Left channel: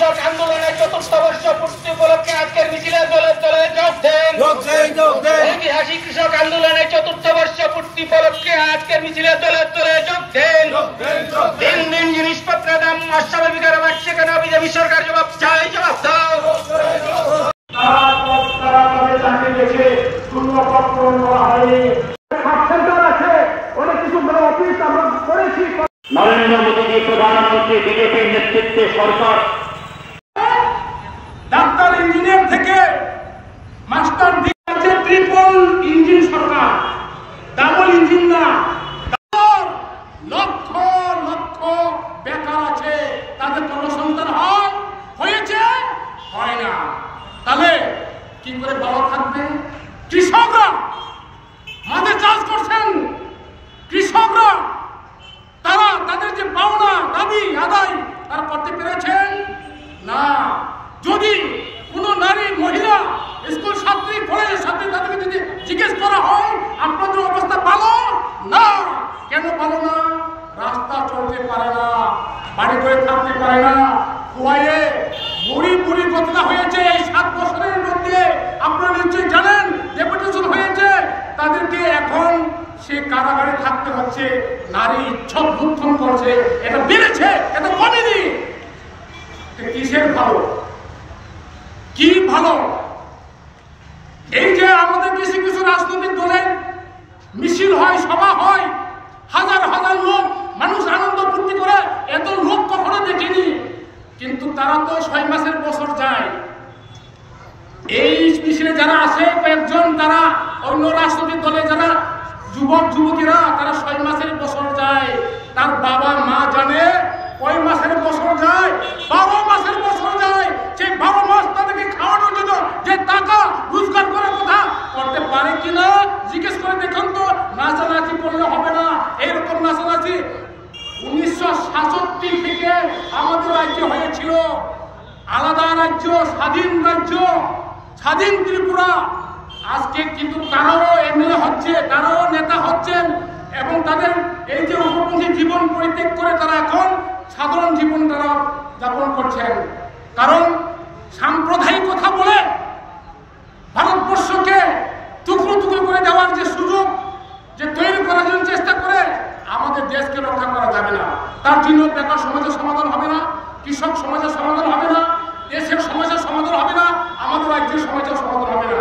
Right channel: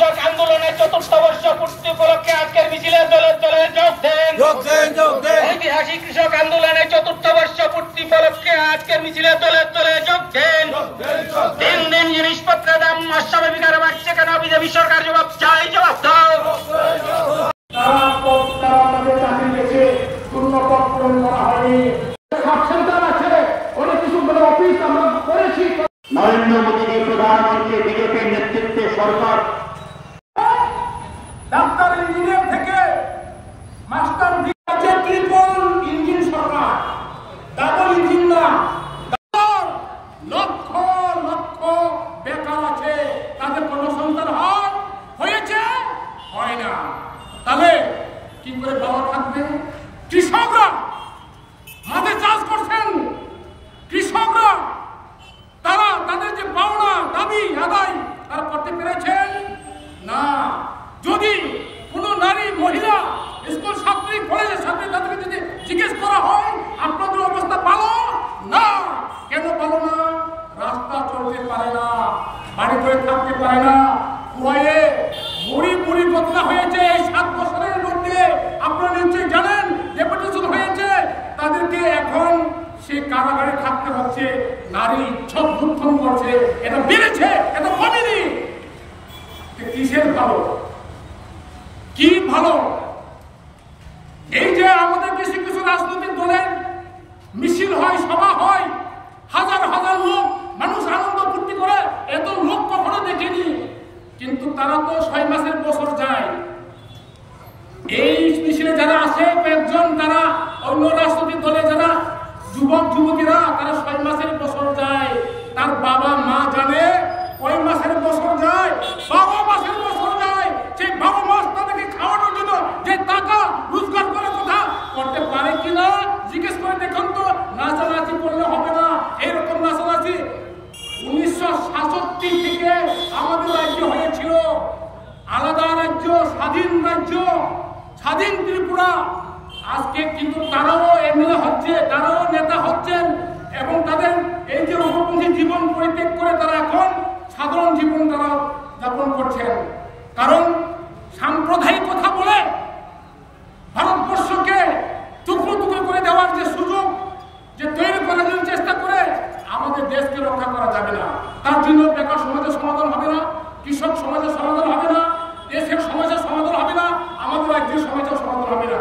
কৃষক আন্দোলনের ৪র্থ বর্ষ পূর্তি উপলক্ষে আজকের মিছিলে দলে দলে যোগ দেন। ঐতিহাসিক কৃষক আন্দোলনের ৪র্থ বর্ষ পূর্তি উপলক্ষে আজকের মিছিলে দলে দলে যোগ দেন। দিন দিন জিনিসপত্রের দাম অস্বাভাবিক হারে বাড়ছে কেন? বিজেপি সরকার জবাব চাই, জবাব দাও। নরেন্দ্র মোদী প্রধানমন্ত্রী বিজেপির নেতৃত্বে সরকার ডাক্তার ইঞ্জিনিয়ার থেকে মাস্টার দিচ্ছে ট্রিপল ইঞ্জিন সরকার, ডাবল ইঞ্জিন না। লক্ষ লক্ষ বেকার আছে, তাদের কর্মসংস্থান হয়েছে হয় না। তাহলে কি করে ভালো থাকবে? কৃষকরা মাঠে চাষ করছেন, কৃষকরা তারা তাদের যে পাওনা দাবি আদায় তারা করতে পেরেছেন না। যদি কোন নারী মহিলা স্কুল ছাত্রী কলেজের ছাত্রী তাদেরকে যদি জিজ্ঞেস করা হয় আপনাদের অবস্থা ভালো না, কেন ভালো না? রাস্তা চলতে পারে না, বাড়ি করে থাকতে পারে না, কুয়ায়ে বুড়ি বুড়ি ঘটনা হয়েছে এই 7 বছরের মধ্যে। আপনারা নিশ্চয়ই জানেন ডেপুটেশন হয়েছে, তাদেরকে এখন সে কারাগারে থাকতে হচ্ছে। নারী ইচ্ছক দুঃখন করছে, এটা বেড়েছে, এটা কমেনি। কিসের ভালো? কি ভালো? এই যে আমাদের কিছু কিছু রাজনৈতিক দলের মিছিল হয়, সভা হয়, হাজার হাজার লোক, মানুষ আনন্দ ফুর্তি করে, এত লোক কখনো দেখিনি। কিন্তু তারা তো 6 মাসের বছর যায়। এই মিছিলে যারা আছে কয়েকজন, তারা অন্য রাজনৈতিক দলে যারা যুবক যুবতীরা, তারা 6 মাসের বছর যায়। তার বাবা মা জানে কয় মাসের বছর যায়? 12 মাসের বছর যায়। সেই 12 মাস তাদেরকে খাওয়ানোর জন্য যে টাকা রোজগার করে কথা করতে পারে কিনা জিজ্ঞেস করে দেখুন তো। নাচানাচি করলে হবে না, এরকম নাচানাচি 1967 থেকে আমাদের রাজ্য হয়েছিল, আলাদা রাজ্য, স্বাধীন রাজ্য, স্বাধীন ত্রিপুরা। আজকে কিন্তু তারাও এমএলএ হচ্ছে, তারাও নেতা হচ্ছেন, এবং তাদের এই যে উপপন্থী জীবন পরিত্যাগ করে তারা এখন সাধারণ জীবন তারা যাপন করছেন। কারণ সাম্প্রদায়িক কথা বলে ভারতবর্ষকে টুকরো টুকরো করে দেওয়ার যে সুযোগ যে তৈরি করার জন্য চেষ্টা করে, আমাদের দেশকে রক্ষা করা যাবে না। তার জন্য বেকার সমাজের সমাধান হবে না, কৃষক সমাজের সমাধান হবে না, দেশের সমস্যার সমাধান হবে না, আমাদের রাজ্যের সমস্যার সমাধান হবে না।